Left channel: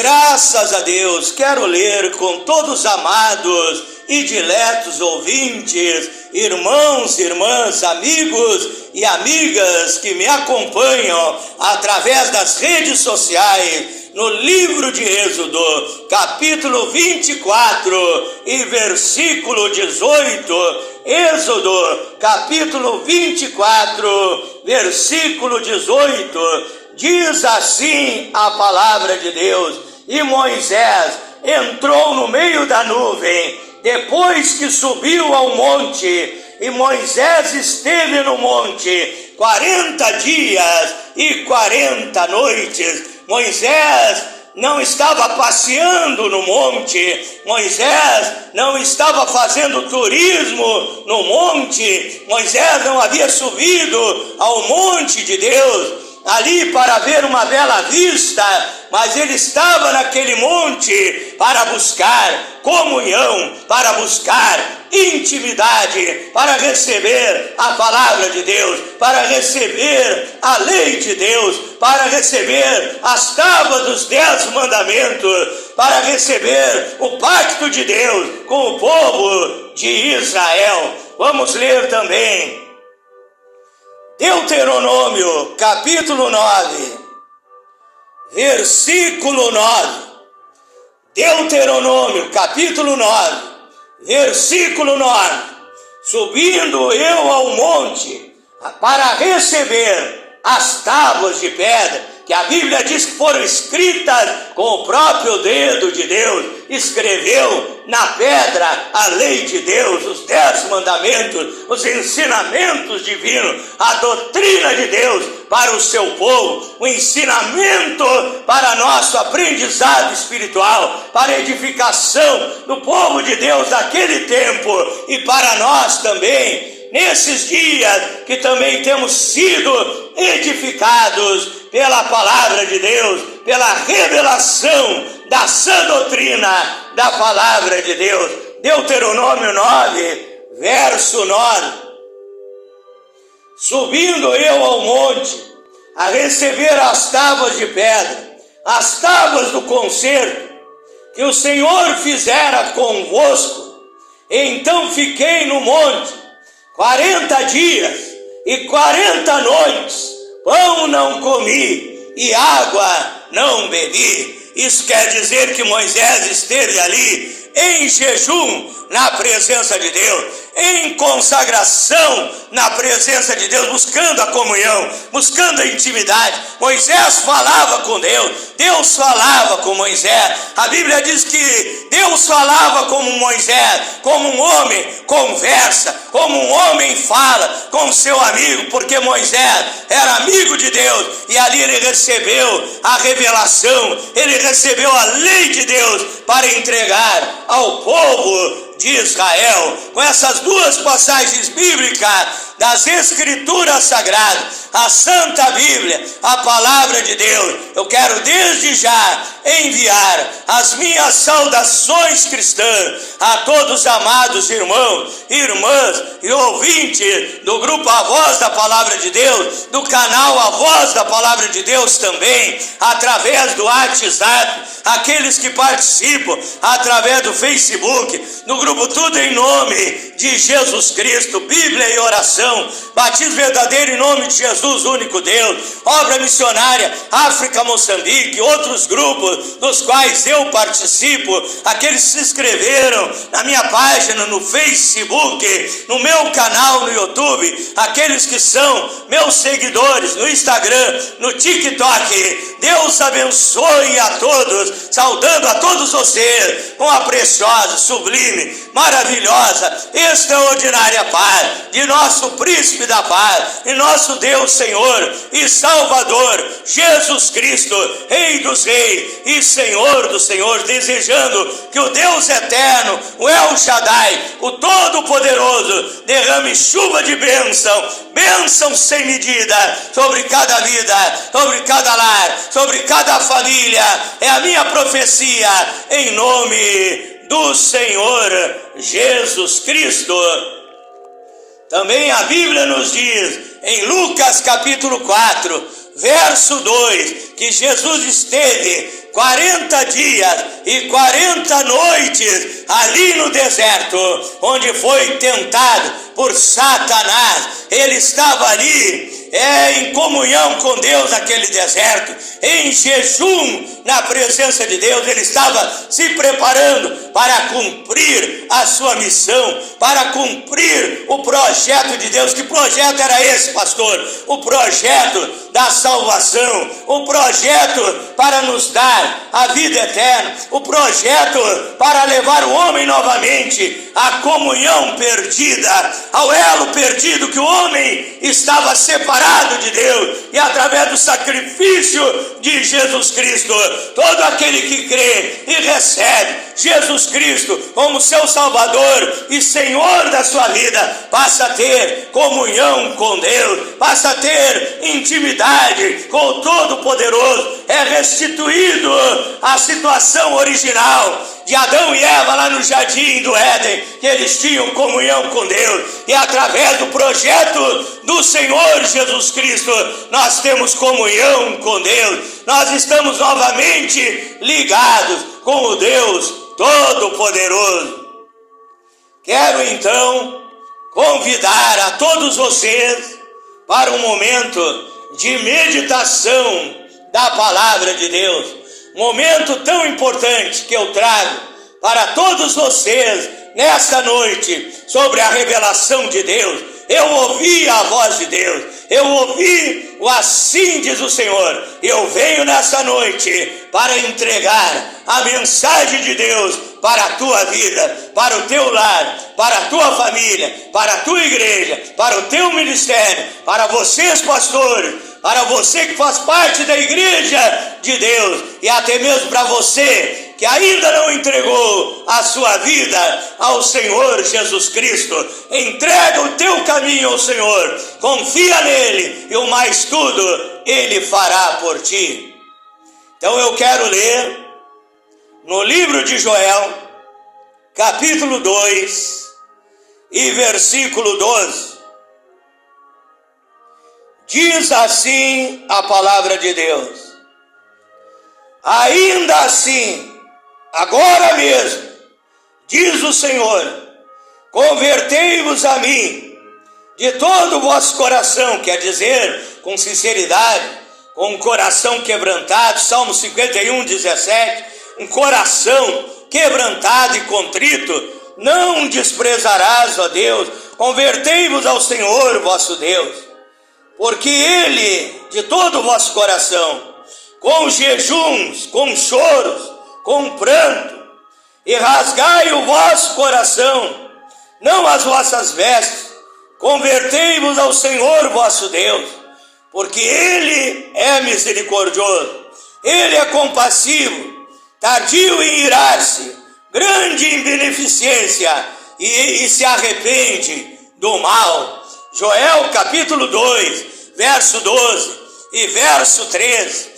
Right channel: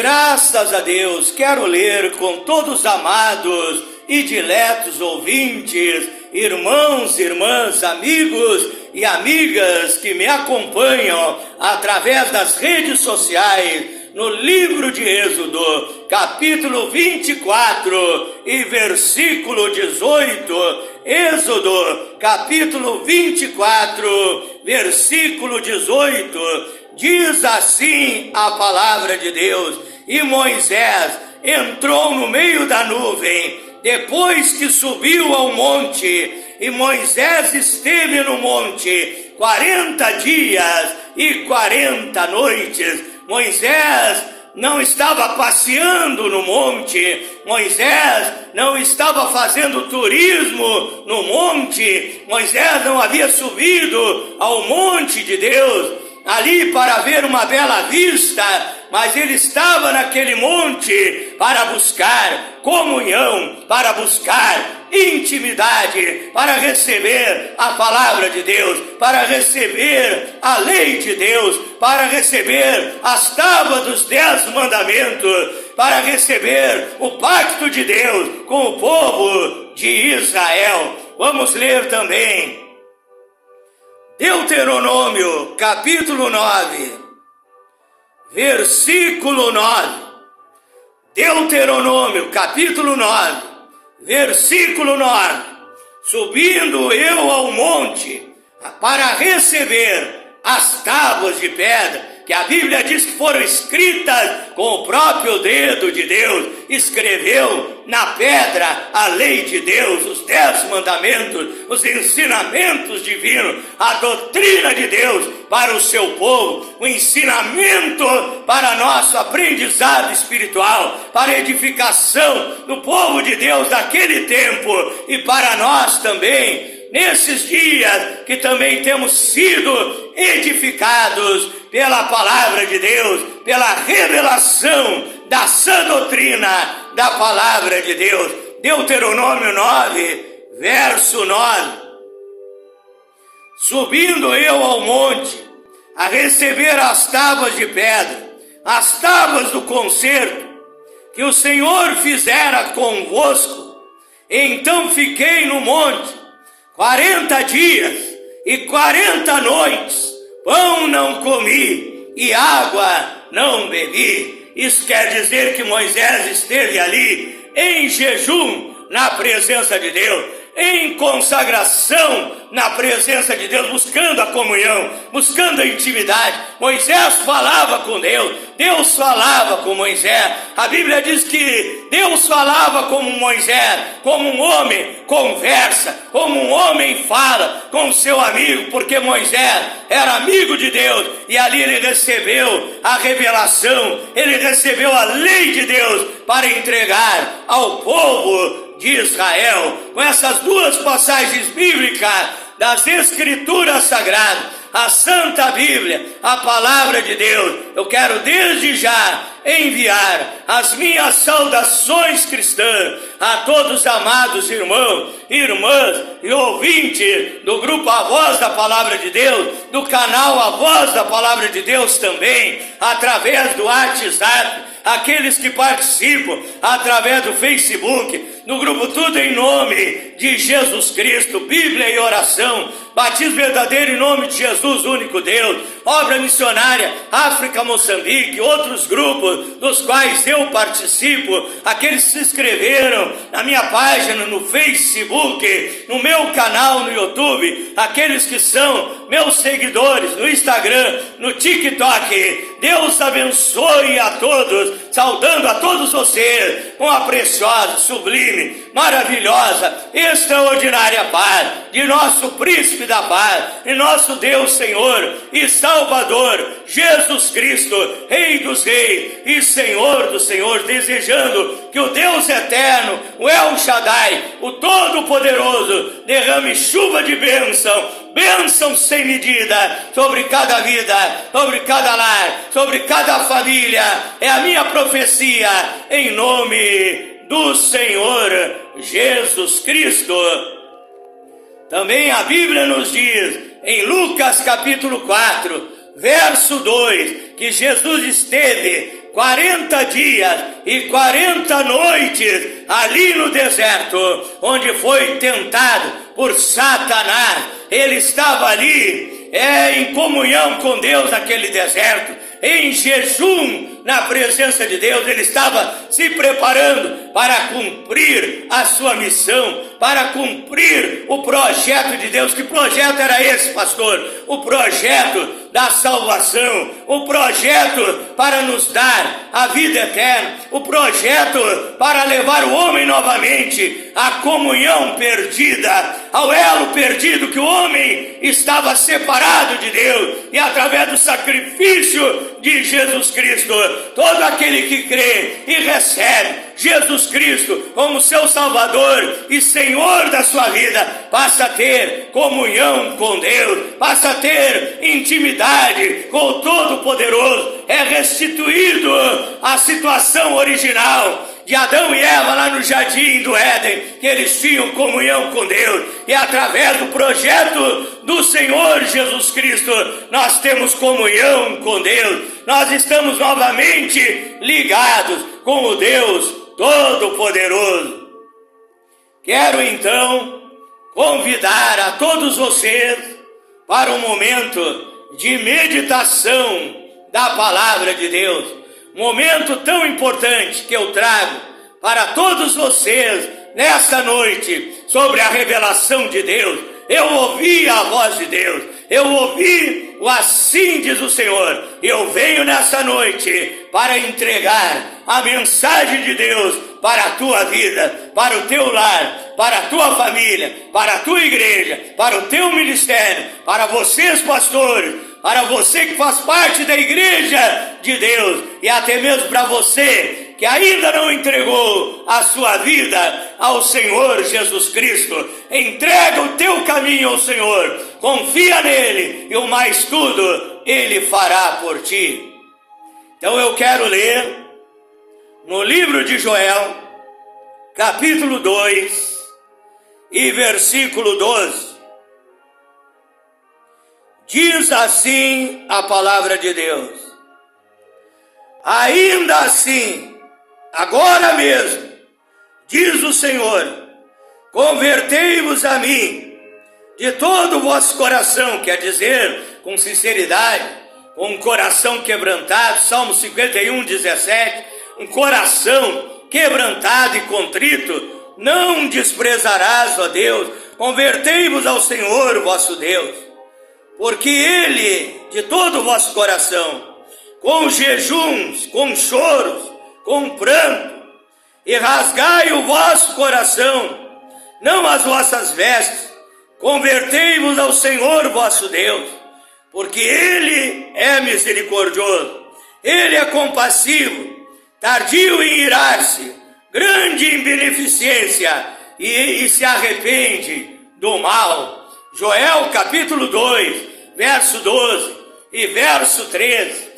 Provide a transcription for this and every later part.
Graças a Deus, quero ler com todos os amados e diletos ouvintes, irmãos, irmãs, amigos e amigas que me acompanham através das redes sociais, no livro de Êxodo, capítulo 24 e versículo 18, Êxodo, capítulo 24, versículo 18, diz assim a palavra de Deus: e Moisés entrou no meio da nuvem, depois que subiu ao monte, e Moisés esteve no monte 40 dias e 40 noites. Moisés não estava passeando no monte, Moisés não estava fazendo turismo no monte, Moisés não havia subido ao monte de Deus ali para ver uma bela vista, mas ele estava naquele monte para buscar comunhão, para buscar intimidade, para receber a palavra de Deus, para receber a lei de Deus, para receber as tábuas dos 10 mandamentos, para receber o pacto de Deus com o povo de Israel. Vamos ler também Deuteronômio, capítulo 9, versículo 9. Deuteronômio, capítulo 9, versículo 9. Subindo eu ao monte para receber as tábuas de pedra, que a Bíblia diz que foram escritas com o próprio dedo de Deus, escreveu na pedra a lei de Deus, os 10 mandamentos, os ensinamentos divinos, a doutrina de Deus para o seu povo, o ensinamento para nosso aprendizado espiritual, para a edificação do povo de Deus daquele tempo e para nós também, nesses dias que também temos sido edificados pela palavra de Deus, pela revelação da sã doutrina da palavra de Deus. Deuteronômio 9, verso 9. Subindo eu ao monte a receber as tábuas de pedra, as tábuas do concerto que o Senhor fizera convosco, então fiquei no monte 40 dias e 40 noites, pão não comi e água não bebi. Isso quer dizer que Moisés esteve ali em jejum na presença de Deus, em consagração na presença de Deus, buscando a comunhão, buscando a intimidade. Moisés falava com Deus, Deus falava com Moisés. A Bíblia diz que Deus falava como Moisés, como um homem conversa, como um homem fala com seu amigo, porque Moisés era amigo de Deus e ali ele recebeu a revelação, ele recebeu a lei de Deus para entregar ao povo de Israel. Com essas duas passagens bíblicas das Escrituras Sagradas, a Santa Bíblia, a Palavra de Deus, eu quero desde já enviar as minhas saudações cristãs a todos os amados irmãos, irmãs e ouvintes do grupo A Voz da Palavra de Deus, do canal A Voz da Palavra de Deus também, através do WhatsApp, aqueles que participam através do Facebook, do grupo Tudo em Nome de Jesus Cristo, Bíblia e Oração, Batismo Verdadeiro em Nome de Jesus, único Deus, Obra Missionária, África, Moçambique, outros grupos dos quais eu participo, aqueles que se inscreveram na minha página no Facebook, no meu canal no YouTube, aqueles que são meus seguidores no Instagram, no TikTok. Deus abençoe a todos, saudando a todos vocês com a preciosa, sublime, maravilhosa, extraordinária paz de nosso Príncipe da Paz e nosso Deus, Senhor e Salvador, Jesus Cristo, Rei dos Reis e Senhor dos Senhores, desejando que o Deus eterno, o El Shaddai, o Todo-Poderoso, derrame chuva de bênção, bênção sem medida sobre cada vida, sobre cada lar, sobre cada família. É a minha profecia em nome do Senhor Jesus Cristo. Também a Bíblia nos diz, em Lucas capítulo 4, verso 2, que Jesus esteve 40 dias e 40 noites ali no deserto, onde foi tentado por Satanás. Ele estava ali em comunhão com Deus naquele deserto, em jejum na presença de Deus. Ele estava se preparando para cumprir a sua missão, para cumprir o projeto de Deus. Que projeto era esse, pastor? O projeto da salvação, o projeto para nos dar a vida eterna, o projeto para levar o homem novamente à comunhão perdida, ao elo perdido que o homem estava separado de Deus. E através do sacrifício de Jesus Cristo, todo aquele que crê e recebe Jesus Cristo como seu Salvador e Senhor da sua vida, passa a ter comunhão com Deus, passa a ter intimidade com o Todo-Poderoso. É restituído a situação original de Adão e Eva lá no jardim do Éden, que eles tinham comunhão com Deus, e através do projeto do Senhor Jesus Cristo, nós temos comunhão com Deus, nós estamos novamente ligados com o Deus Todo-Poderoso. Quero então convidar a todos vocês para um momento de meditação da Palavra de Deus, momento tão importante que eu trago para todos vocês nesta noite sobre a revelação de Deus. Eu ouvi a voz de Deus, eu ouvi o assim diz o Senhor. Eu venho nessa noite para entregar a mensagem de Deus para a tua vida, para o teu lar, para a tua família, para a tua igreja, para o teu ministério, para vocês pastores, para você que faz parte da igreja de Deus, e até mesmo para você que ainda não entregou a sua vida ao Senhor Jesus Cristo. Entrega o teu caminho ao Senhor, confia nele, e o mais tudo ele fará por ti. Então eu quero ler no livro de Joel, capítulo 2 e versículo 12. Diz assim a palavra de Deus: ainda assim, agora mesmo, diz o Senhor, convertei-vos a mim de todo o vosso coração, quer dizer, com sinceridade, com um coração quebrantado. Salmo 51, 17, um coração quebrantado e contrito, não desprezarás, ó Deus. Convertei-vos ao Senhor, vosso Deus, porque Ele, de todo o vosso coração, com jejuns, com choros, com pranto, e rasgai o vosso coração, não as vossas vestes, convertei-vos ao Senhor vosso Deus, porque Ele é misericordioso, Ele é compassivo, tardio em irar-se, grande em beneficência, e se arrepende do mal. Joel capítulo 2, verso 12 e verso 13,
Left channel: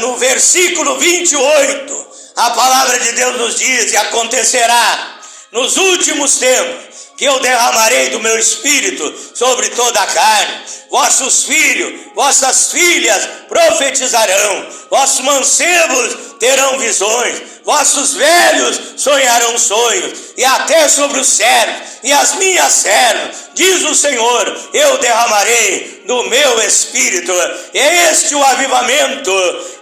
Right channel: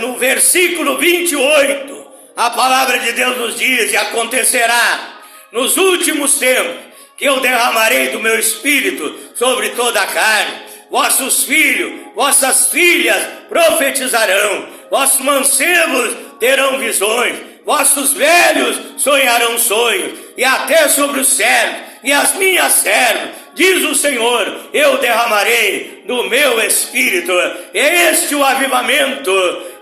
no versículo 28, a palavra de Deus nos diz: e acontecerá nos últimos tempos que eu derramarei do meu espírito sobre toda a carne. Vossos filhos, vossas filhas profetizarão, vossos mancebos terão visões, vossos velhos sonharão sonhos, e até sobre os servos e as minhas servas, diz o Senhor, eu derramarei do meu espírito. É este o avivamento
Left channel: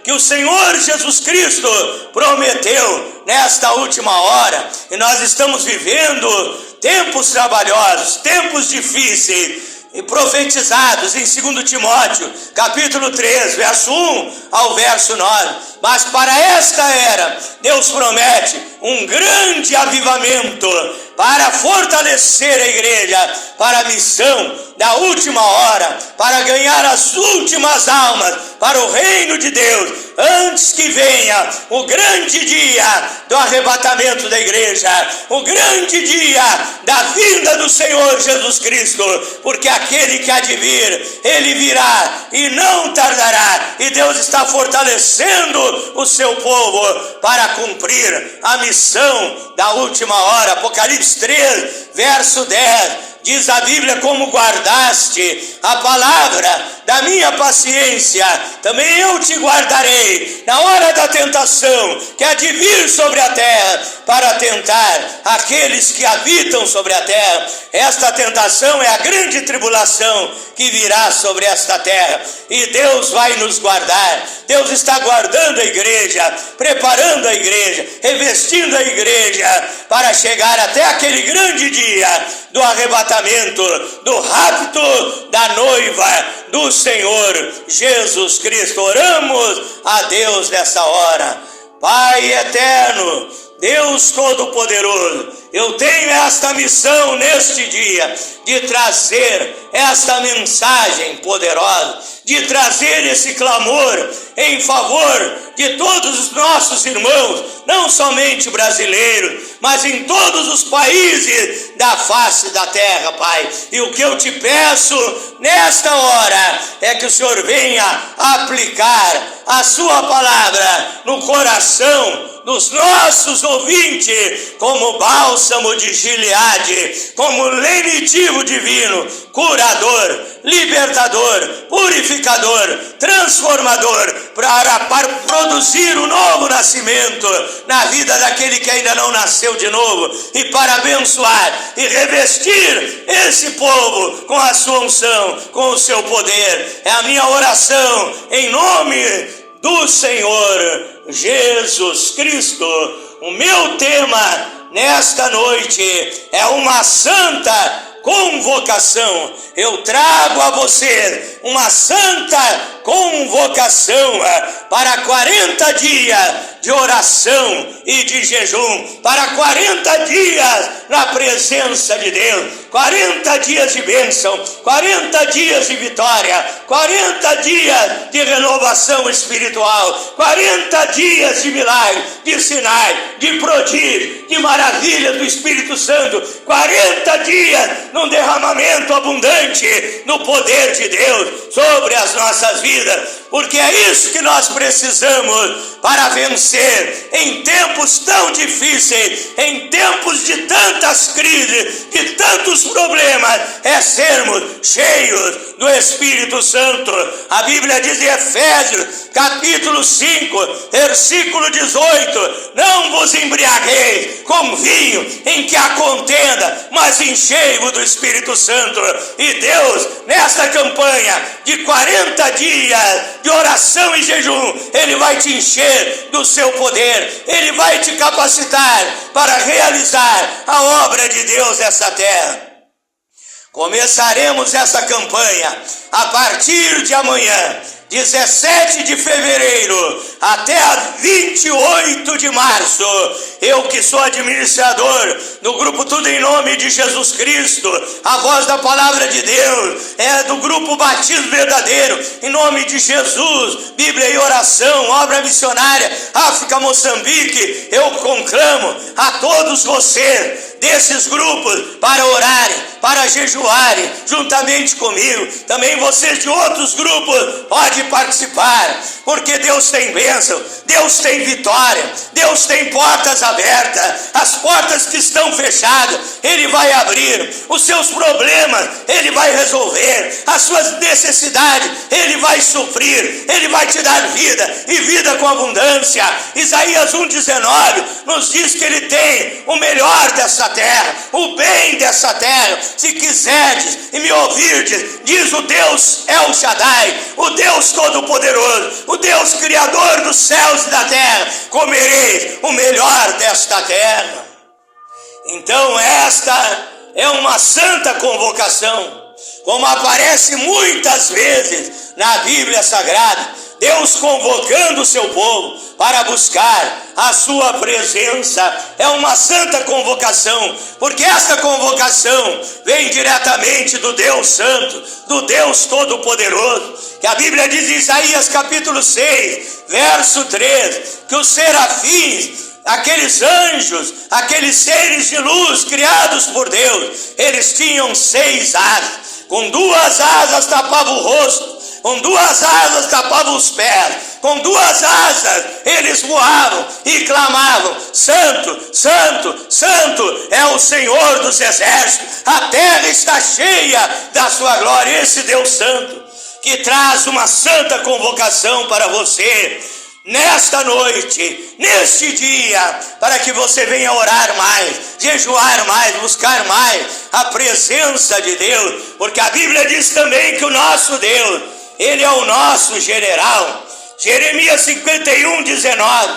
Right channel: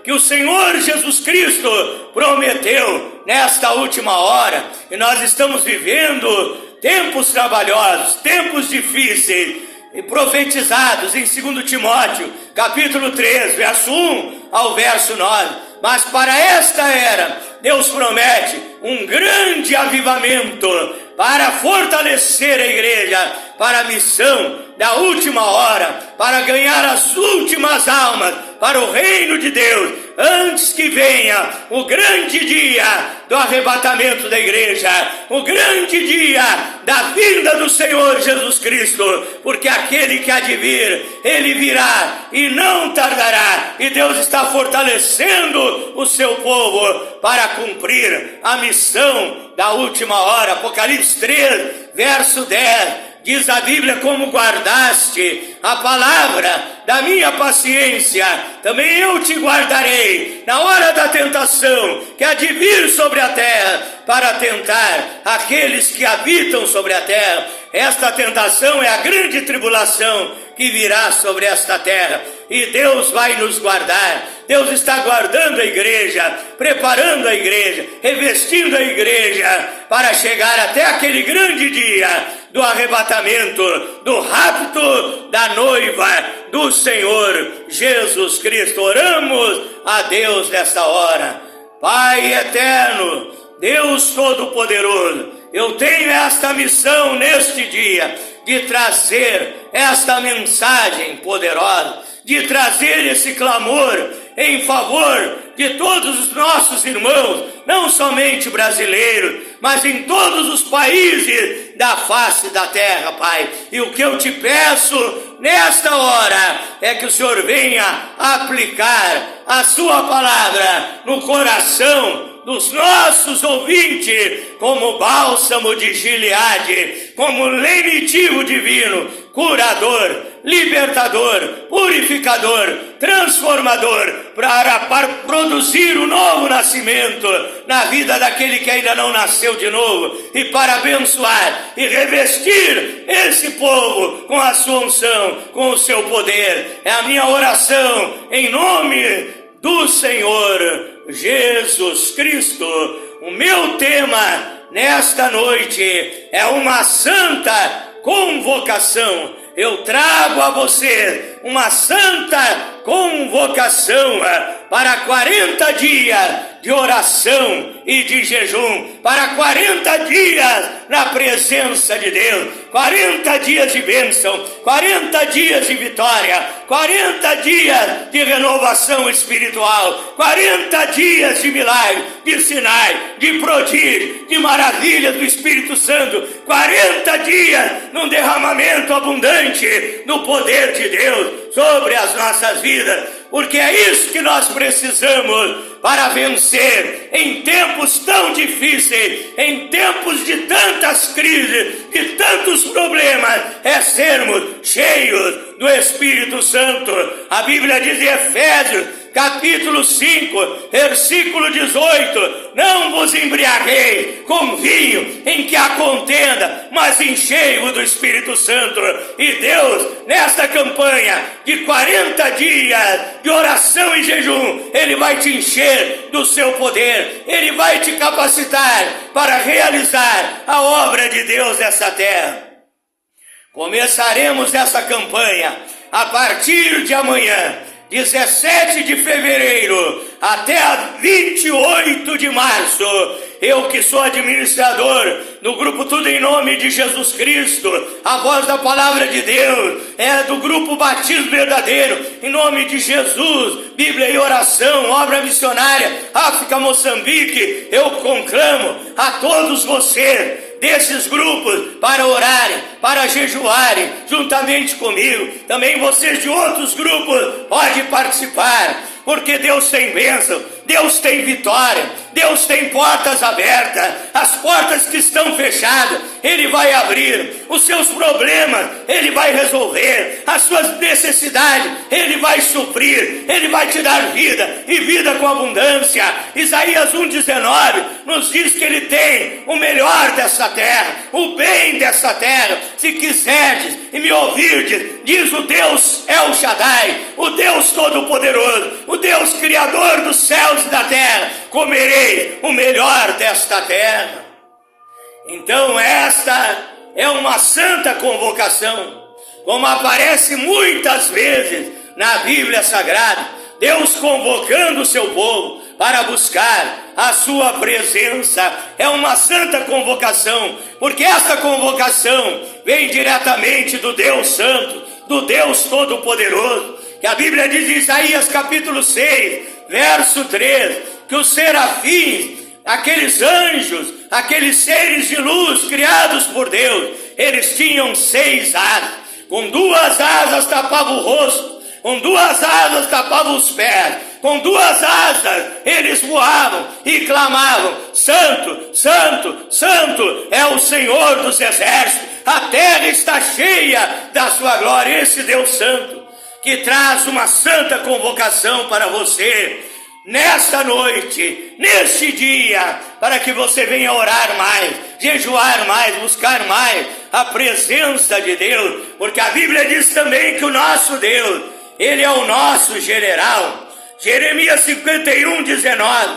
que o Senhor Jesus Cristo prometeu nesta última hora, e nós estamos vivendo tempos trabalhosos, tempos difíceis, e profetizados em 2 Timóteo, capítulo 3, verso 1 ao verso 9. Mas para esta era, Deus promete um grande avivamento para fortalecer a igreja, para a missão da última hora, para ganhar as últimas almas para o reino de Deus, antes que venha o grande dia do arrebatamento da igreja, o grande dia da vinda do Senhor Jesus Cristo, porque aquele que há de vir, ele virá e não tardará, e Deus está fortalecendo o seu povo para cumprir a missão da última hora. Apocalipse 3, verso 10, diz a Bíblia: como guardaste a palavra da minha paciência, também eu te guardarei na hora da tentação que há de vir sobre a terra para tentar aqueles que habitam sobre a terra. Esta tentação é a grande tribulação que virá sobre esta terra, e Deus vai nos guardar. Deus está guardando a igreja, preparando a igreja, revestindo a igreja para chegar até aquele grande dia do arrebatamento, do rapto da noiva do Senhor Jesus Cristo. Oramos a Deus nessa hora. Pai eterno, Deus Todo-Poderoso, eu tenho esta missão neste dia de trazer esta mensagem poderosa, de trazer esse clamor em favor de todos os nossos irmãos, não somente brasileiros, mas em todos os países da face da terra, Pai. E o que eu te peço nesta hora é que o Senhor venha aplicar a sua palavra no coração dos nossos ouvintes, como bálsamo de Gileade, como lenitivo divino, curador, libertador, purificador, transformador, para produzir um novo nascimento na vida daquele que ainda não nasceu de novo, e para abençoar e revestir esse povo com a sua unção, com o seu poder. É a minha oração em nome do Senhor Jesus Cristo. O meu tema nesta noite é uma santa convocação. Eu trago a você uma santa convocação para 40 dias de oração e de jejum, para 40 dias na presença de Deus, 40 dias de bênção, 40 dias de vitória, 40 dias de renovação espiritual, 40 dias de milagre, de sinais, de prodígio, de maravilhas do Espírito Santo, 40 dias num derramamento abundante no poder de Deus sobre as nossas vidas, porque é isso que nós precisamos para vencer em tempos tão difíceis, em tempos de tantas crises, de tantos problemas, é sermos cheios do Espírito Santo. A Bíblia diz em Efésios, capítulo 5, versículo 18, não vos embriagueis com vinho em que há contenda, mas enchei-vos do Espírito Santo. E Deus, nesta campanha de 40 dias de oração e jejum, Ele vai te encher do seu poder, Ele vai te capacitar para realizar a obra de Deus nessa terra. Começaremos essa campanha a partir de amanhã, 17 de fevereiro até a 28 de março. Eu que sou administrador do grupo Tudo em Nome de Jesus Cristo, a voz da palavra de Deus, do grupo Batismo Verdadeiro, em nome de Jesus, Bíblia e Oração, obra missionária, África, Moçambique, eu conclamo a todos vocês desses grupos para orarem, para jejuarem juntamente comigo. Também vocês de outros grupos podem participar, porque Deus tem bênção, Deus tem vitória, Deus tem portas abertas. As portas que estão fechadas, Ele vai abrir. Os seus problemas, Ele vai resolver. As suas necessidades, Ele vai suprir. Ele vai te dar vida, e vida com abundância. Isaías 1,19 nos diz que Ele tem o melhor dessa terra, o bem dessa terra. Se quiserdes e me ouvirdes, diz o Deus El Shaddai, o Deus Todo-Poderoso, o Deus Criador dos céus e da terra, comereis o melhor desta terra. Então esta é uma santa convocação, como aparece muitas vezes na Bíblia Sagrada, Deus convocando o seu povo para buscar a sua presença. É uma santa convocação, porque esta convocação vem diretamente do Deus Santo, do Deus Todo-Poderoso, que a Bíblia diz em Isaías capítulo 6, verso 3, que os serafins, aqueles anjos, aqueles seres de luz criados por Deus, eles tinham 6 asas, com 2 asas tapavam o rosto, com 2 asas tapavam os pés, com 2 asas eles voavam e clamavam: Santo, Santo, Santo é o Senhor dos exércitos, a terra está cheia da sua glória. Esse Deus Santo que traz uma santa convocação para você nesta noite, neste dia, para que você venha orar mais, jejuar mais, buscar mais a presença de Deus, porque a Bíblia diz também que o nosso Deus, Ele é o nosso general. Jeremias 51, 19,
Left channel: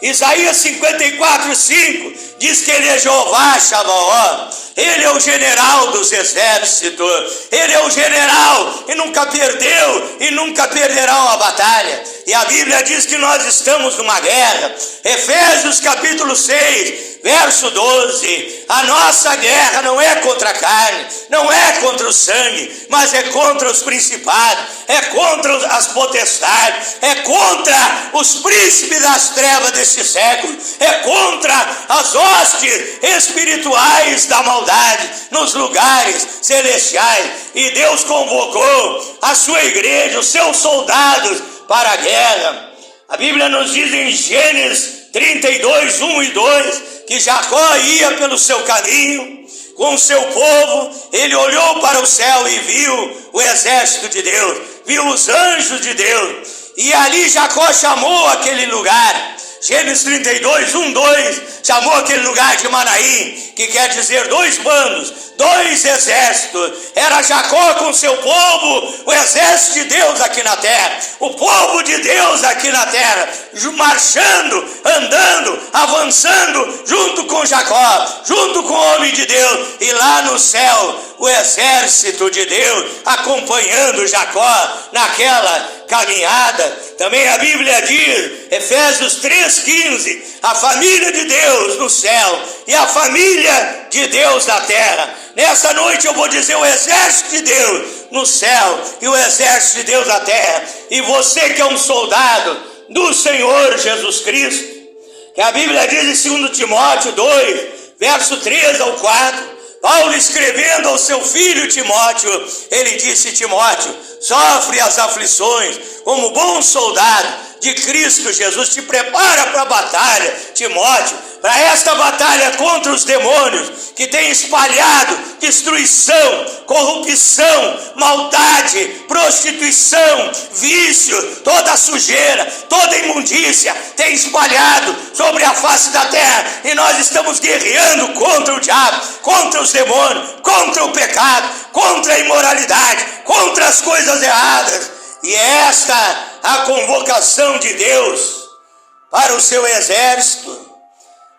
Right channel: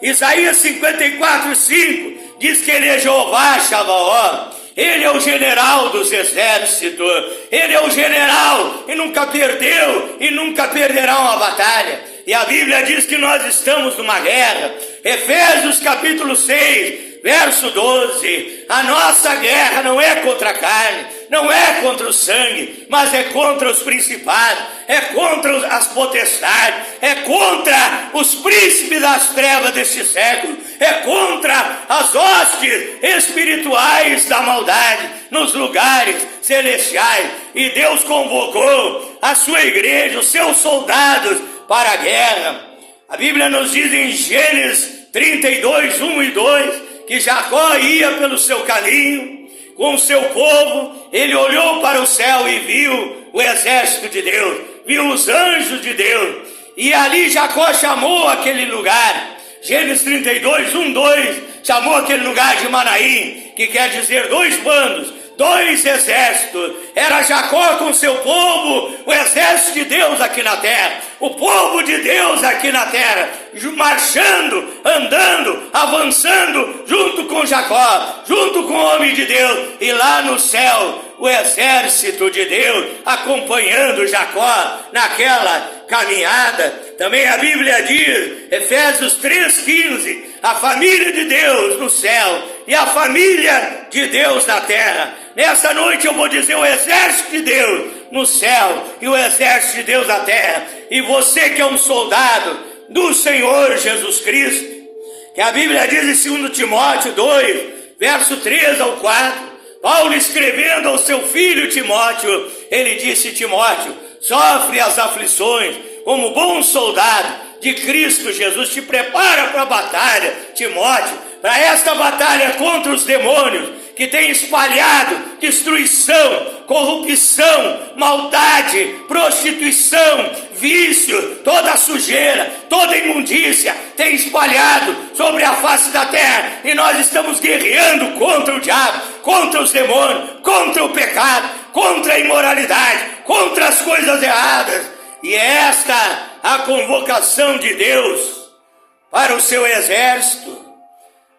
Isaías 54, 5, diz que Ele é Jeová Sabaoth. Ele é o general dos exércitos, Ele é o general e nunca perdeu e nunca perderá uma batalha. E a Bíblia diz que nós estamos numa guerra. Efésios capítulo 6, verso 12, a nossa guerra não é contra a carne, não é contra o sangue, mas é contra os principados, é contra as potestades, é contra os príncipes das trevas desse século, é contra as hostes espirituais da maldade nos lugares celestiais. E Deus convocou a sua igreja, os seus soldados para a guerra. A Bíblia nos diz em Gênesis 32, 1 e 2, que Jacó ia pelo seu caminho com o seu povo. Ele olhou para o céu e viu o exército de Deus, viu os anjos de Deus, e ali Jacó chamou aquele lugar, Gênesis 32, 1, 2, chamou aquele lugar de Manaim, que quer dizer dois bandos, dois exércitos. Era Jacó com seu povo, o exército de Deus aqui na terra, o povo de Deus aqui na terra, marchando, andando, avançando, junto com Jacó, junto com o homem de Deus, e lá no céu, o exército de Deus, acompanhando Jacó naquela caminhada. Também a Bíblia diz, Efésios 3,15, a família de Deus no céu e a família de Deus na terra. Nessa noite eu vou dizer o exército de Deus no céu e o exército de Deus na terra. E você que é um soldado do Senhor Jesus Cristo, que a Bíblia diz em 2 Timóteo 2, verso 3 ao 4, Paulo escrevendo ao seu filho Timóteo, ele disse: Timóteo, sofre as aflições como bom soldado de Cristo Jesus. Te prepara para a batalha, Timóteo, para esta batalha contra os demônios que têm espalhado destruição, corrupção, maldade, prostituição, vício, toda a sujeira, toda a imundícia tem espalhado sobre a face da terra, e nós estamos guerreando contra o diabo, contra os demônios, contra o pecado, contra a imoralidade, contra as coisas erradas. E é esta a convocação de Deus para o seu exército.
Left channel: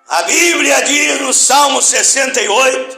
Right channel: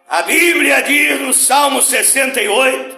A Bíblia diz no Salmo 68,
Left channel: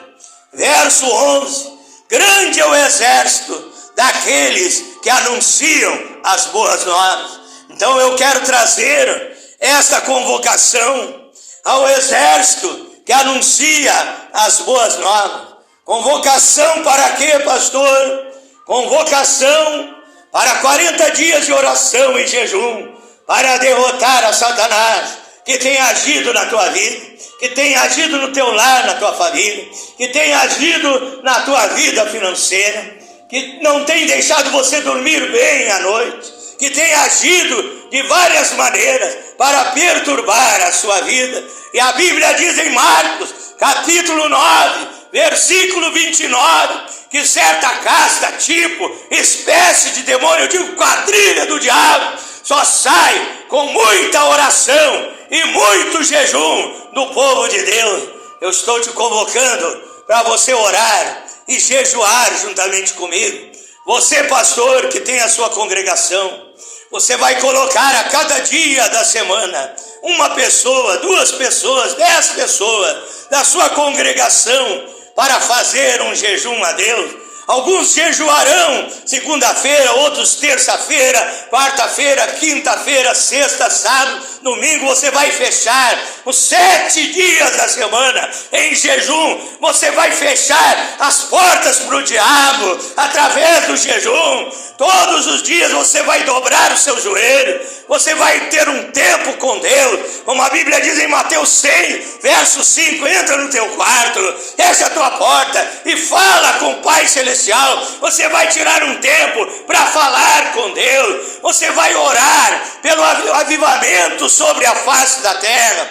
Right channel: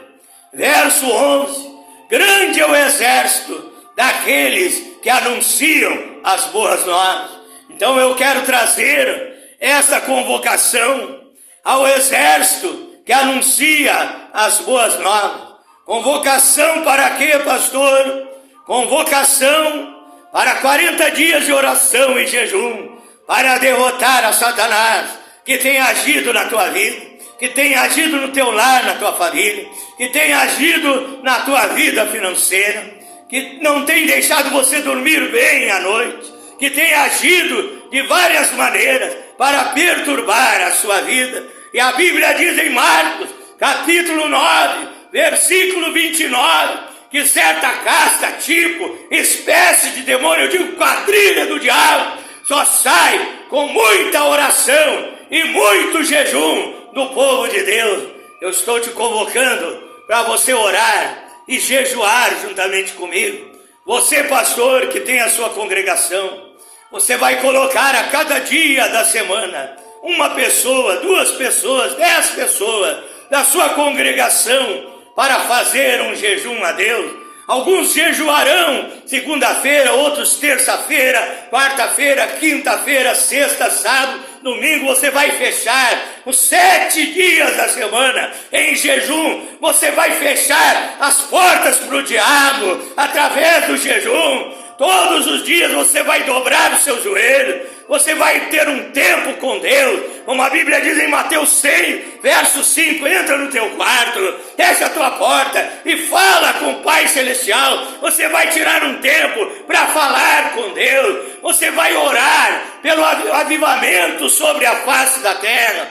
verso 11, grande é o exército daqueles que anunciam as boas novas. Então eu quero trazer esta convocação ao exército que anuncia as boas novas. Convocação para quê, pastor? Convocação para 40 dias de oração e jejum, para derrotar a Satanás, que tem agido na tua vida, que tem agido no teu lar, na tua família, que tem agido na tua vida financeira, que não tem deixado você dormir bem à noite, que tem agido de várias maneiras para perturbar a sua vida. E a Bíblia diz em Marcos, capítulo 9, versículo 29, que certa casta, tipo, espécie de demônio, de quadrilha do diabo, só sai com muita oração e muito jejum do povo de Deus. Eu estou te convocando para você orar e jejuar juntamente comigo. Você, pastor, que tem a sua congregação, você vai colocar a cada dia da semana uma pessoa, 2 pessoas, 10 pessoas da sua congregação para fazer um jejum a Deus. Alguns jejuarão segunda-feira, outros terça-feira, quarta-feira, quinta-feira, sexta, sábado, domingo. Você vai fechar os 7 dias da semana em jejum. Você vai fechar as portas para o diabo através do jejum. Todos os dias você vai dobrar o seu joelho. Você vai ter um tempo com Deus. Como a Bíblia diz em Mateus 100, verso 5, entra no teu quarto, fecha a tua porta e fala com o Pai Celestial. Você vai tirar um tempo para falar com Deus. Você vai orar pelo avivamento sobre a face da terra.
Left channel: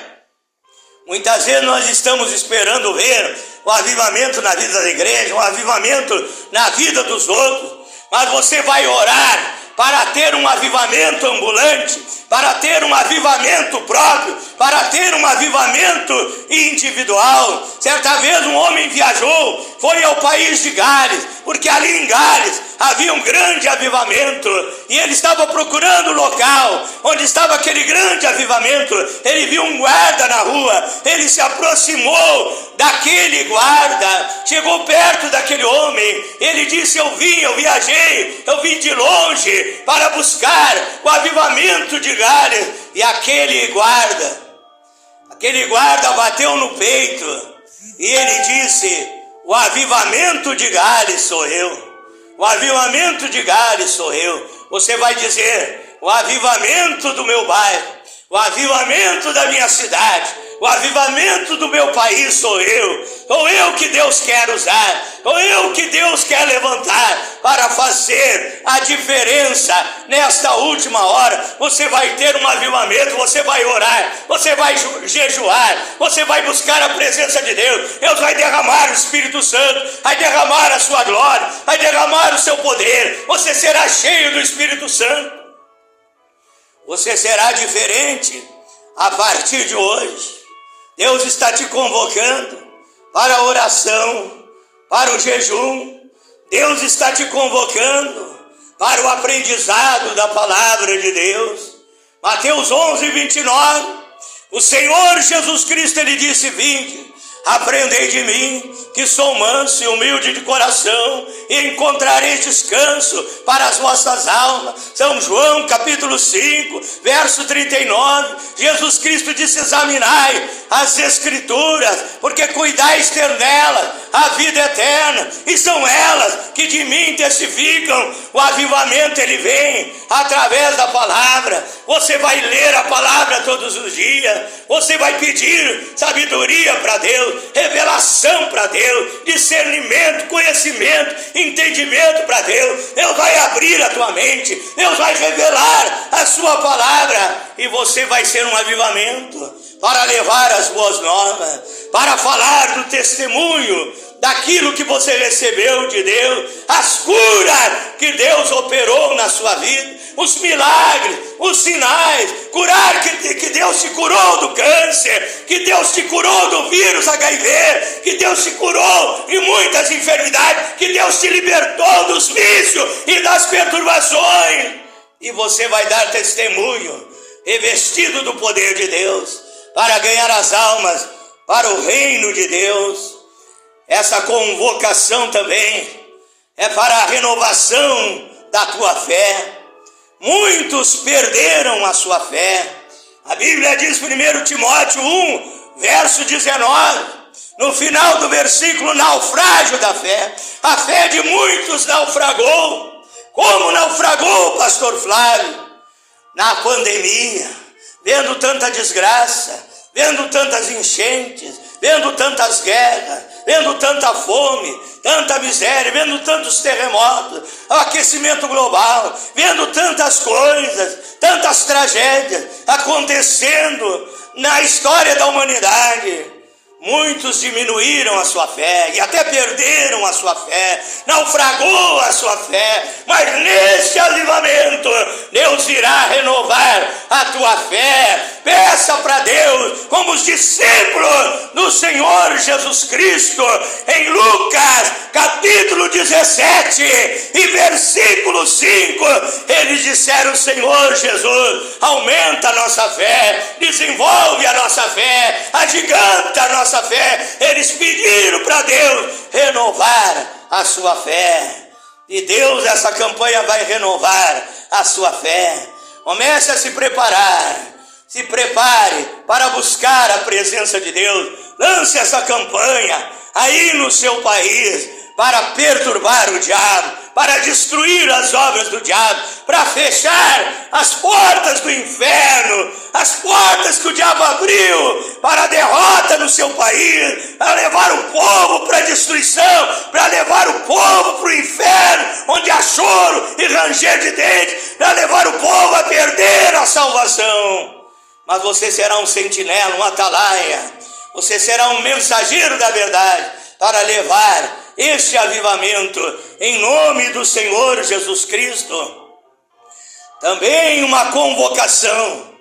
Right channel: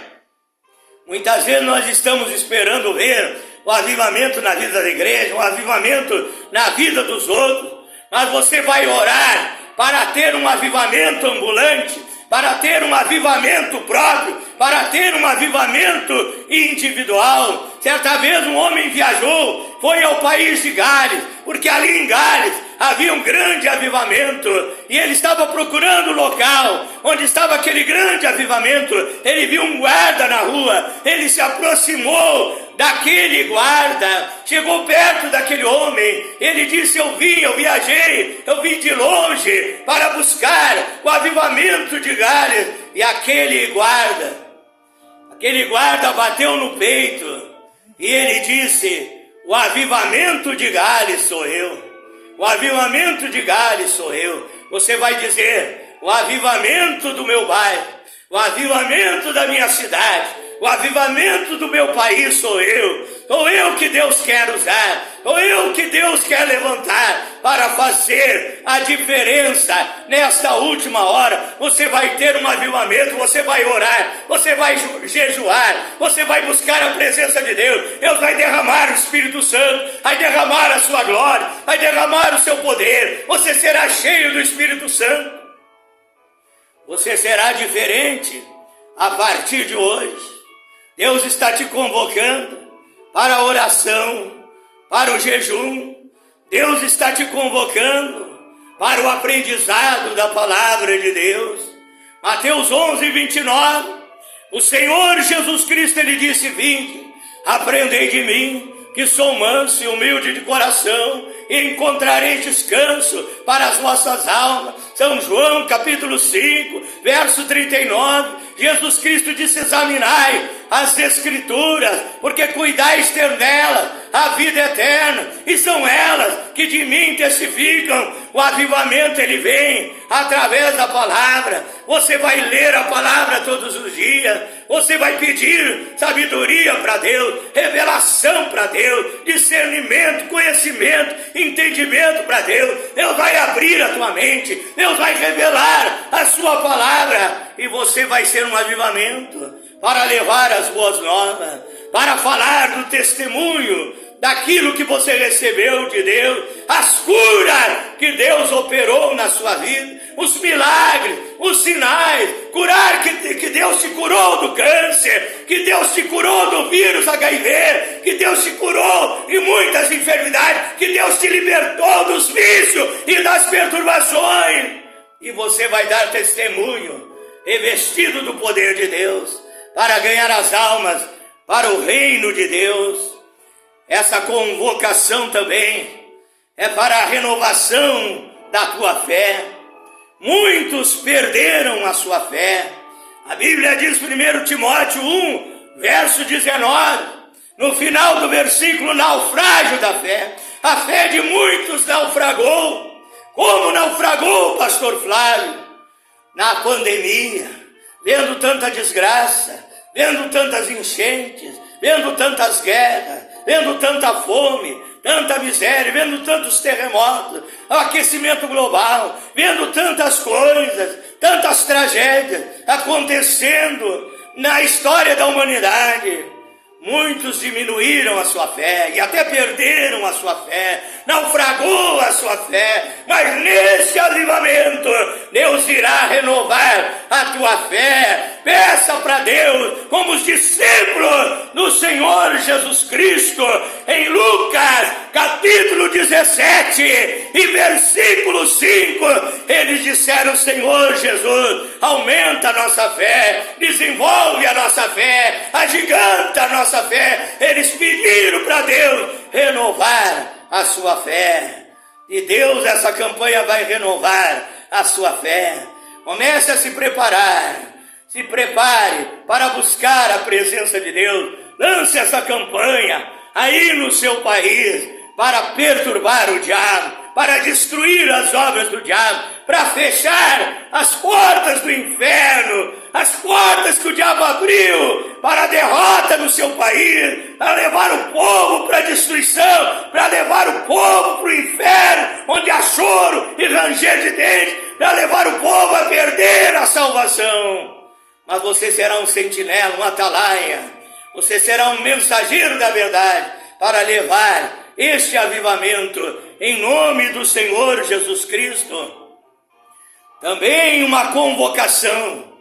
Muitas vezes nós estamos esperando ver o avivamento na vida da igreja, o avivamento na vida dos outros. mas você vai orar para ter um avivamento ambulante, para ter um avivamento próprio, para ter um avivamento individual. Certa vez um homem viajou, foi ao país de Gales, porque ali em Gales havia um grande avivamento, e ele estava procurando o local onde estava aquele grande avivamento. Ele viu um guarda na rua, ele se aproximou daquele guarda, chegou perto daquele homem, ele disse: eu viajei, eu vim de longe para buscar o avivamento de Gales. E aquele guarda bateu no peito e ele disse: o avivamento de Gales sou eu. O avivamento de Gales sou eu. Você vai dizer: o avivamento do meu bairro, o avivamento da minha cidade, o avivamento do meu país sou eu. Sou eu que Deus quer usar, sou eu que Deus quer levantar para fazer a diferença nesta última hora. Você vai ter um avivamento, você vai orar, você vai jejuar, você vai buscar a presença de Deus. Deus vai derramar o Espírito Santo, vai derramar a sua glória, vai derramar o seu poder. Você será cheio do Espírito Santo. Você será diferente a partir de hoje. Deus está te convocando para a oração, para o jejum. Deus está te convocando para o aprendizado da palavra de Deus. Mateus 11:29, o Senhor Jesus Cristo, ele disse: vinde, aprendei de mim, que sou manso e humilde de coração, e encontrareis descanso para as vossas almas. São João capítulo 5, verso 39, Jesus Cristo disse: examinai as Escrituras, porque cuidais ter nelas a vida eterna, e são elas que de mim testificam. O avivamento, ele vem através da palavra. Você vai ler a palavra todos os dias, você vai pedir sabedoria para Deus, revelação para Deus, discernimento, conhecimento, entendimento para Deus. Deus vai abrir a tua mente, Deus vai revelar a sua palavra, e você vai ser um avivamento para levar as boas novas, para falar do testemunho daquilo que você recebeu de Deus, as curas que Deus operou na sua vida, os milagres, os sinais, curar que Deus te curou do câncer, que Deus te curou do vírus HIV, que Deus te curou de muitas enfermidades, que Deus te libertou dos vícios e das perturbações. E você vai dar testemunho, revestido do poder de Deus, para ganhar as almas para o reino de Deus. Essa convocação também é para a renovação da tua fé. Muitos perderam a sua fé. A Bíblia diz, 1 Timóteo 1, verso 19, no final do versículo: naufrágio da fé. A fé de muitos naufragou. Como naufragou, pastor Flávio? Na pandemia, vendo tanta desgraça, vendo tantas enchentes, vendo tantas guerras, vendo tanta fome, tanta miséria, vendo tantos terremotos, aquecimento global, vendo tantas coisas, tantas tragédias acontecendo na história da humanidade. Muitos diminuíram a sua fé e até perderam a sua fé, naufragou a sua fé, mas nesse avivamento Deus irá renovar a tua fé. Peça para Deus, como os discípulos do Senhor Jesus Cristo, em Lucas capítulo 17 e versículo 5, eles disseram: Senhor Jesus, aumenta a nossa fé, desenvolve a nossa fé, agiganta a nossa fé. Eles pediram para Deus renovar a sua fé, e Deus, essa campanha vai renovar a sua fé. Comece a se preparar. Se prepare para buscar a presença de Deus. Lance essa campanha aí no seu país para perturbar o diabo, para destruir as obras do diabo, para fechar as portas do inferno, as portas que o diabo abriu para a derrota no seu país, para levar o povo para a destruição, para levar o povo para o inferno, onde há choro e ranger de dentes, para levar o povo a perder a salvação. Mas você será um sentinela, um atalaia, você será um mensageiro da verdade, para levar este avivamento em nome do Senhor Jesus Cristo. Também uma convocação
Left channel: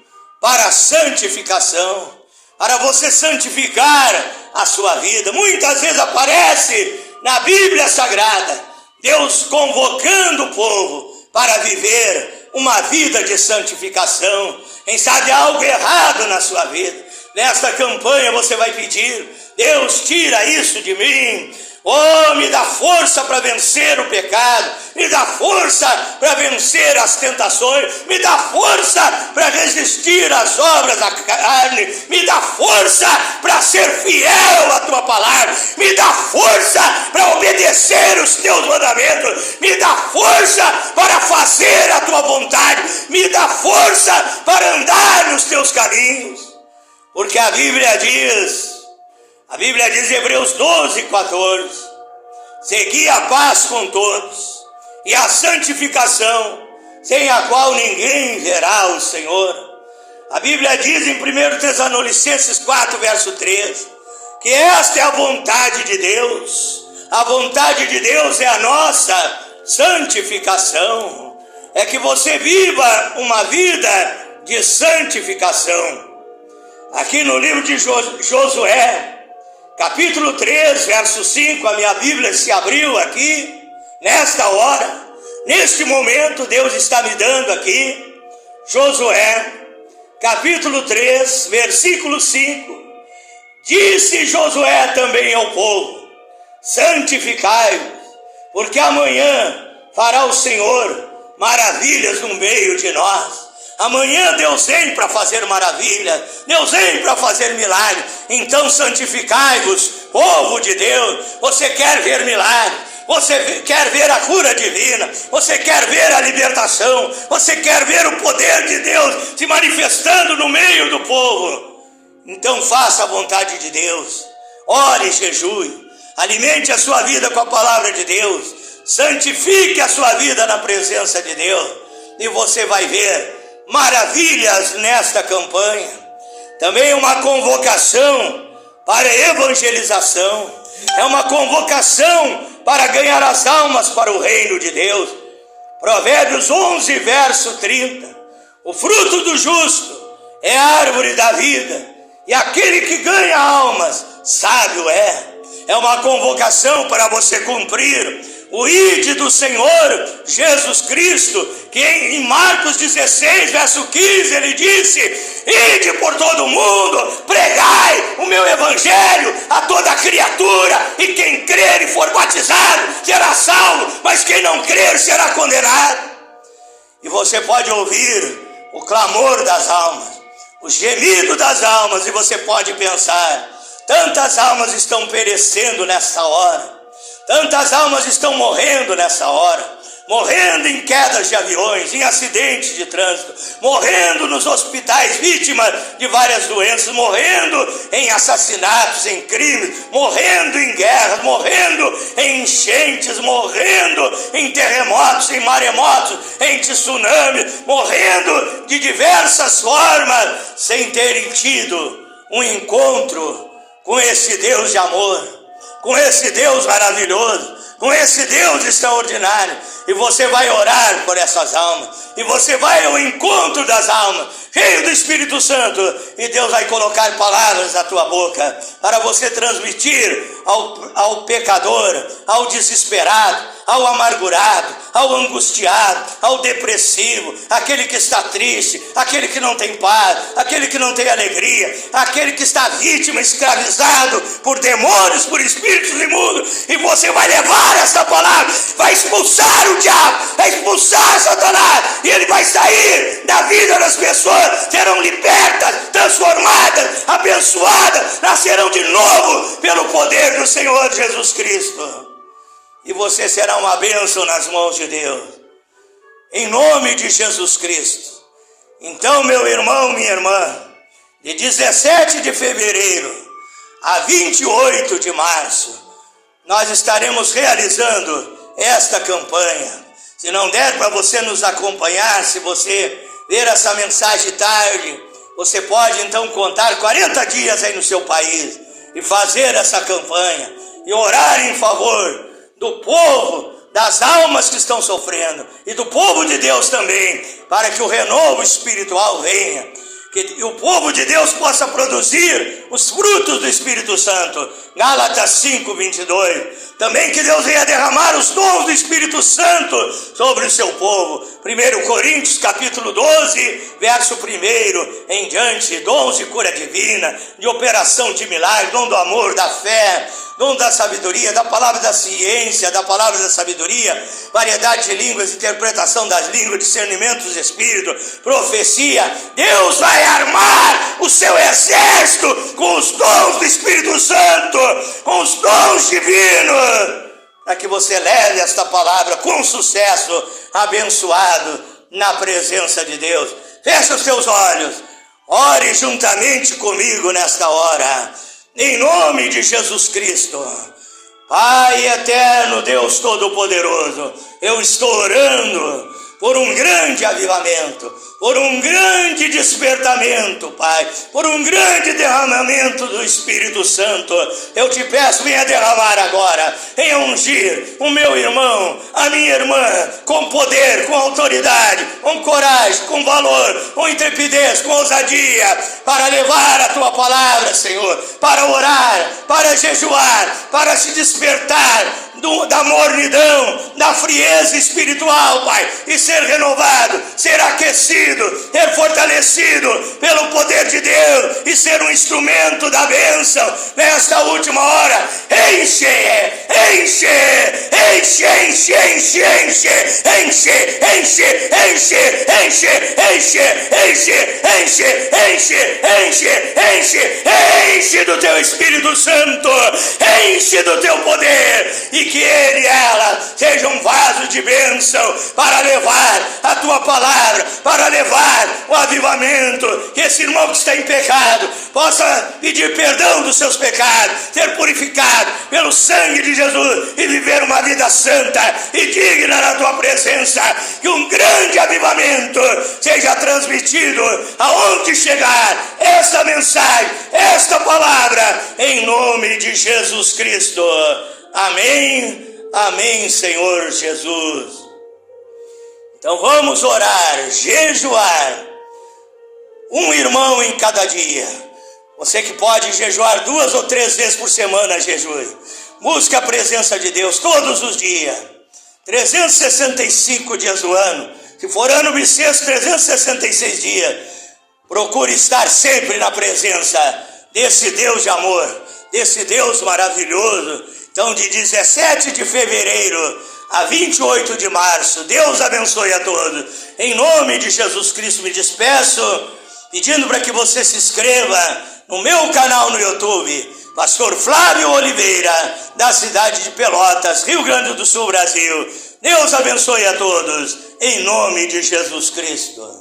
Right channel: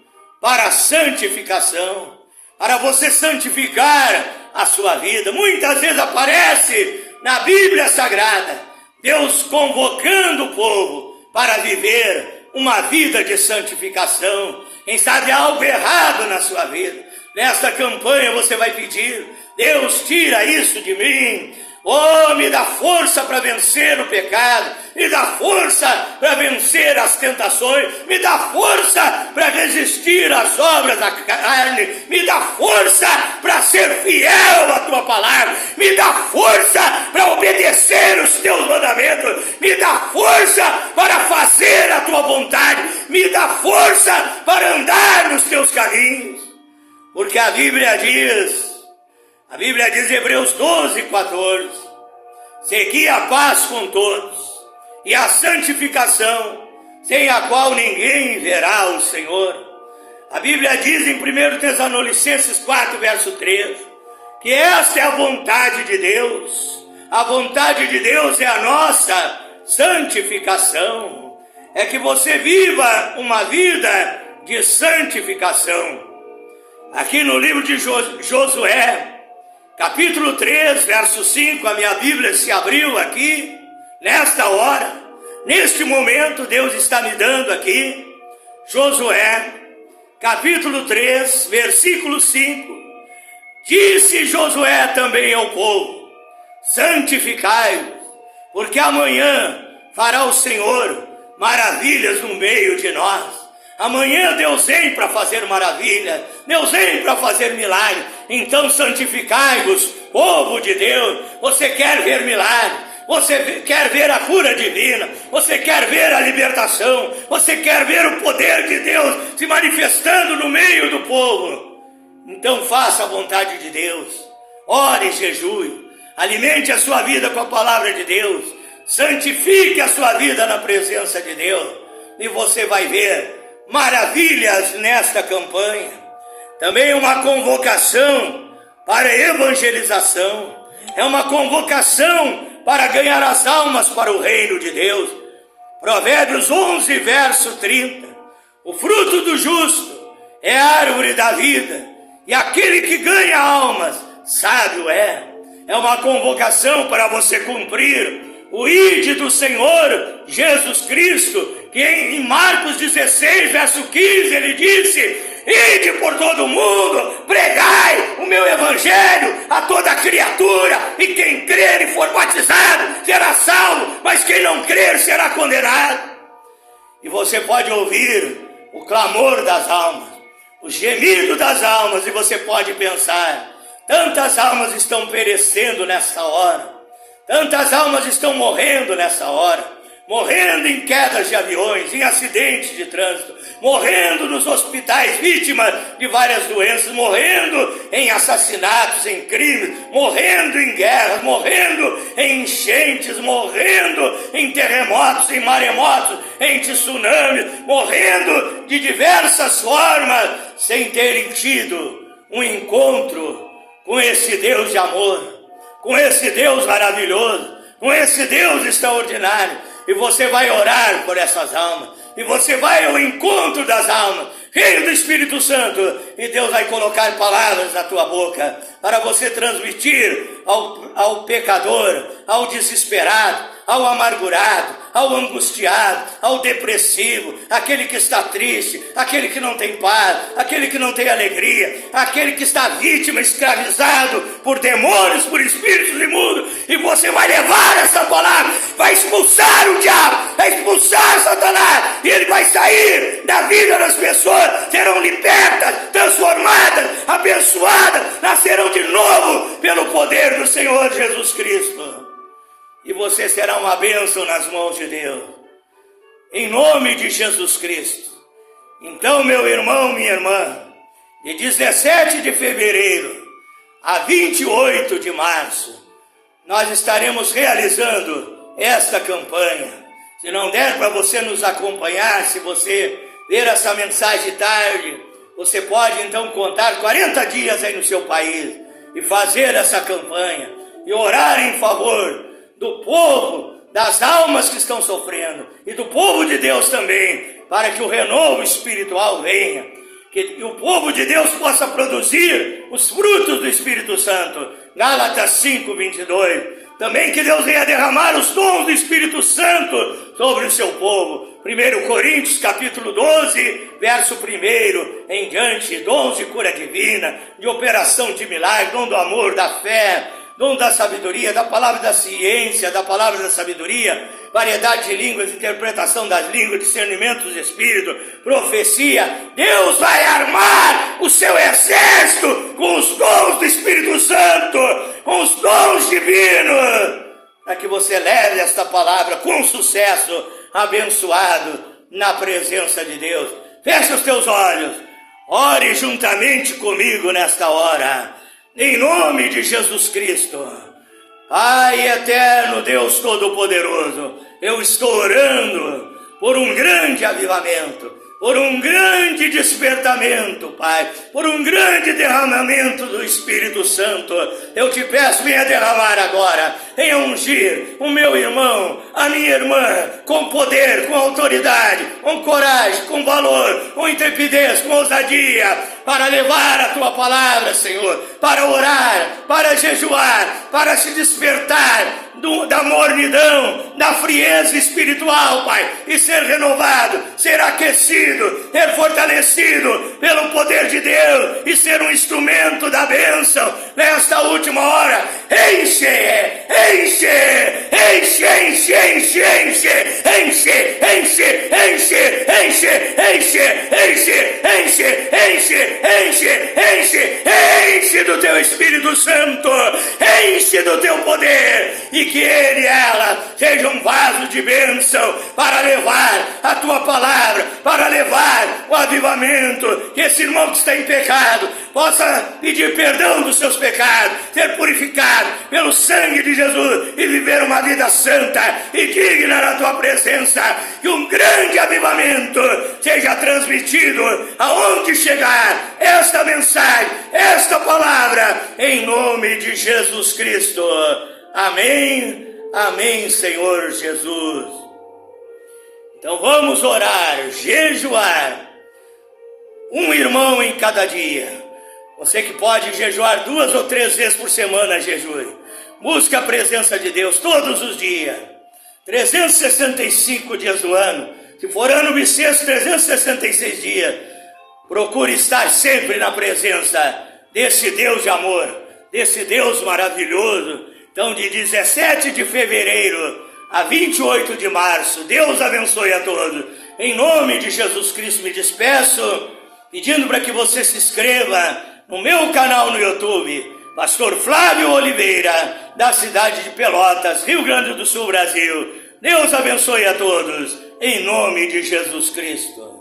para a santificação, para você santificar a sua vida. Muitas vezes aparece na Bíblia Sagrada Deus convocando o povo para viver uma vida de santificação. Quem sabe há algo errado na sua vida. Nesta campanha você vai pedir: Deus, tira isso de mim. Oh, me dá força para vencer o pecado, me dá força para vencer as tentações, me dá força para resistir às obras da carne, me dá força para ser fiel à tua palavra, me dá força para obedecer os teus mandamentos, me dá força para fazer a tua vontade, me dá força para andar nos teus caminhos, porque a Bíblia diz em Hebreus 12:14, segui a paz com todos e a santificação, sem a qual ninguém verá o Senhor. A Bíblia diz em 1 Tessalonicenses 4, verso 3, que esta é a vontade de Deus. A vontade de Deus é a nossa santificação, é que você viva uma vida de santificação. Aqui no livro de Josué, capítulo 3, verso 5, a minha Bíblia se abriu aqui, nesta hora, neste momento, Deus está me dando aqui, Josué, capítulo 3, versículo 5, disse Josué também ao povo: santificai-vos, porque amanhã fará o Senhor maravilhas no meio de nós. Amanhã Deus vem para fazer maravilha, Deus vem para fazer milagre. Então santificai-vos, povo de Deus. Você quer ver milagre, você quer ver a cura divina, você quer ver a libertação, você quer ver o poder de Deus se manifestando no meio do povo. Então faça a vontade de Deus, ore e jejue, alimente a sua vida com a palavra de Deus, santifique a sua vida na presença de Deus, e você vai ver maravilhas nesta campanha. Também uma convocação para evangelização, é uma convocação para ganhar as almas para o reino de Deus. Provérbios 11, verso 30, o fruto do justo é a árvore da vida, e aquele que ganha almas, sábio é. É uma convocação para você cumprir o ide do Senhor Jesus Cristo, que em Marcos 16, verso 15, ele disse: ide por todo mundo, pregai o meu evangelho a toda criatura, e quem crer e for batizado será salvo, mas quem não crer será condenado. E você pode ouvir o clamor das almas, o gemido das almas, e você pode pensar: tantas almas estão perecendo nessa hora, tantas almas estão morrendo nessa hora, morrendo em quedas de aviões, em acidentes de trânsito, morrendo nos hospitais, vítimas de várias doenças, morrendo em assassinatos, em crimes, morrendo em guerras, morrendo em enchentes, morrendo em terremotos, em maremotos, em tsunamis, morrendo de diversas formas, sem terem tido um encontro com esse Deus de amor, com esse Deus maravilhoso, com esse Deus extraordinário. E você vai orar por essas almas, e você vai ao encontro das almas, cheio do Espírito Santo, e Deus vai colocar palavras na tua boca, para você transmitir ao pecador, ao desesperado, ao amargurado, ao angustiado, ao depressivo, aquele que está triste, aquele que não tem paz, aquele que não tem alegria, aquele que está vítima, escravizado por demônios, por espíritos imundos. E você vai levar essa palavra, vai expulsar o diabo, vai expulsar Satanás, e ele vai sair da vida das pessoas, serão libertas, transformadas, abençoadas, nascerão de novo pelo poder do Senhor Jesus Cristo. E você será uma bênção nas mãos de Deus, em nome de Jesus Cristo. Então, meu irmão, minha irmã, de 17 de fevereiro a 28 de março, nós estaremos realizando esta campanha. Se não der para você nos acompanhar, se você ver essa mensagem tarde, você pode então contar 40 dias aí no seu país e fazer essa campanha. e orar em favor do povo, das almas que estão sofrendo e do povo de Deus também, para que o renovo espiritual venha, que o povo de Deus possa produzir os frutos do Espírito Santo. Gálatas 5:22. Também que Deus venha derramar os dons do Espírito Santo sobre o seu povo. 1 Coríntios capítulo 12, verso 1 em diante. Dons de cura divina, de operação de milagre, dom do amor, da fé, dom da sabedoria, da palavra da ciência, da palavra da sabedoria, variedade de línguas, interpretação das línguas, discernimento dos espíritos, profecia. Deus vai armar o seu exército com os dons do Espírito Santo, com os dons divinos, para que você leve esta palavra com sucesso, abençoado na presença de Deus. Feche os seus olhos, ore juntamente comigo nesta hora, em nome de Jesus Cristo. Pai eterno, Deus Todo-Poderoso, eu estou orando por um grande avivamento, por um grande despertamento, Pai, por um grande derramamento do Espírito Santo. Eu te peço, venha derramar agora, venha ungir o meu irmão, a minha irmã, com poder, com autoridade, com coragem, com valor, com intrepidez, com ousadia, para levar a tua palavra, Senhor, para orar, para jejuar, para se despertar da mornidão, da frieza espiritual, Pai, e ser renovado, ser aquecido, ser fortalecido pelo poder de Deus e ser um instrumento da bênção nesta última hora. Enche, enche, enche, enche, enche, enche, enche, enche, enche, enche, enche, enche, enche, enche, enche, enche do teu Espírito Santo, enche do teu poder, e que ele e ela sejam um vaso de bênção para levar a tua palavra, para levar o avivamento, que esse irmão que está em pecado possa pedir perdão dos seus pecados, ser purificado pelo sangue de Jesus e viver uma vida santa e digna na tua presença. Que um grande avivamento seja transmitido aonde chegar esta mensagem, esta palavra, em nome de Jesus Cristo. Amém, amém, Senhor Jesus. Então vamos orar, jejuar, um irmão em cada dia. Você que pode jejuar 2 ou 3 vezes por semana, jejue. Busque a presença de Deus todos os dias, 365 dias do ano. Se for ano bissexto, 366 dias. Procure estar sempre na presença desse Deus de amor, desse Deus maravilhoso. Então, de 17 de fevereiro a 28 de março, Deus abençoe a todos. Em nome de Jesus Cristo me despeço, pedindo para que você se inscreva no meu canal no YouTube, Pastor Flávio Oliveira, da cidade de Pelotas, Rio Grande do Sul, Brasil. Deus abençoe a todos, em nome de Jesus Cristo.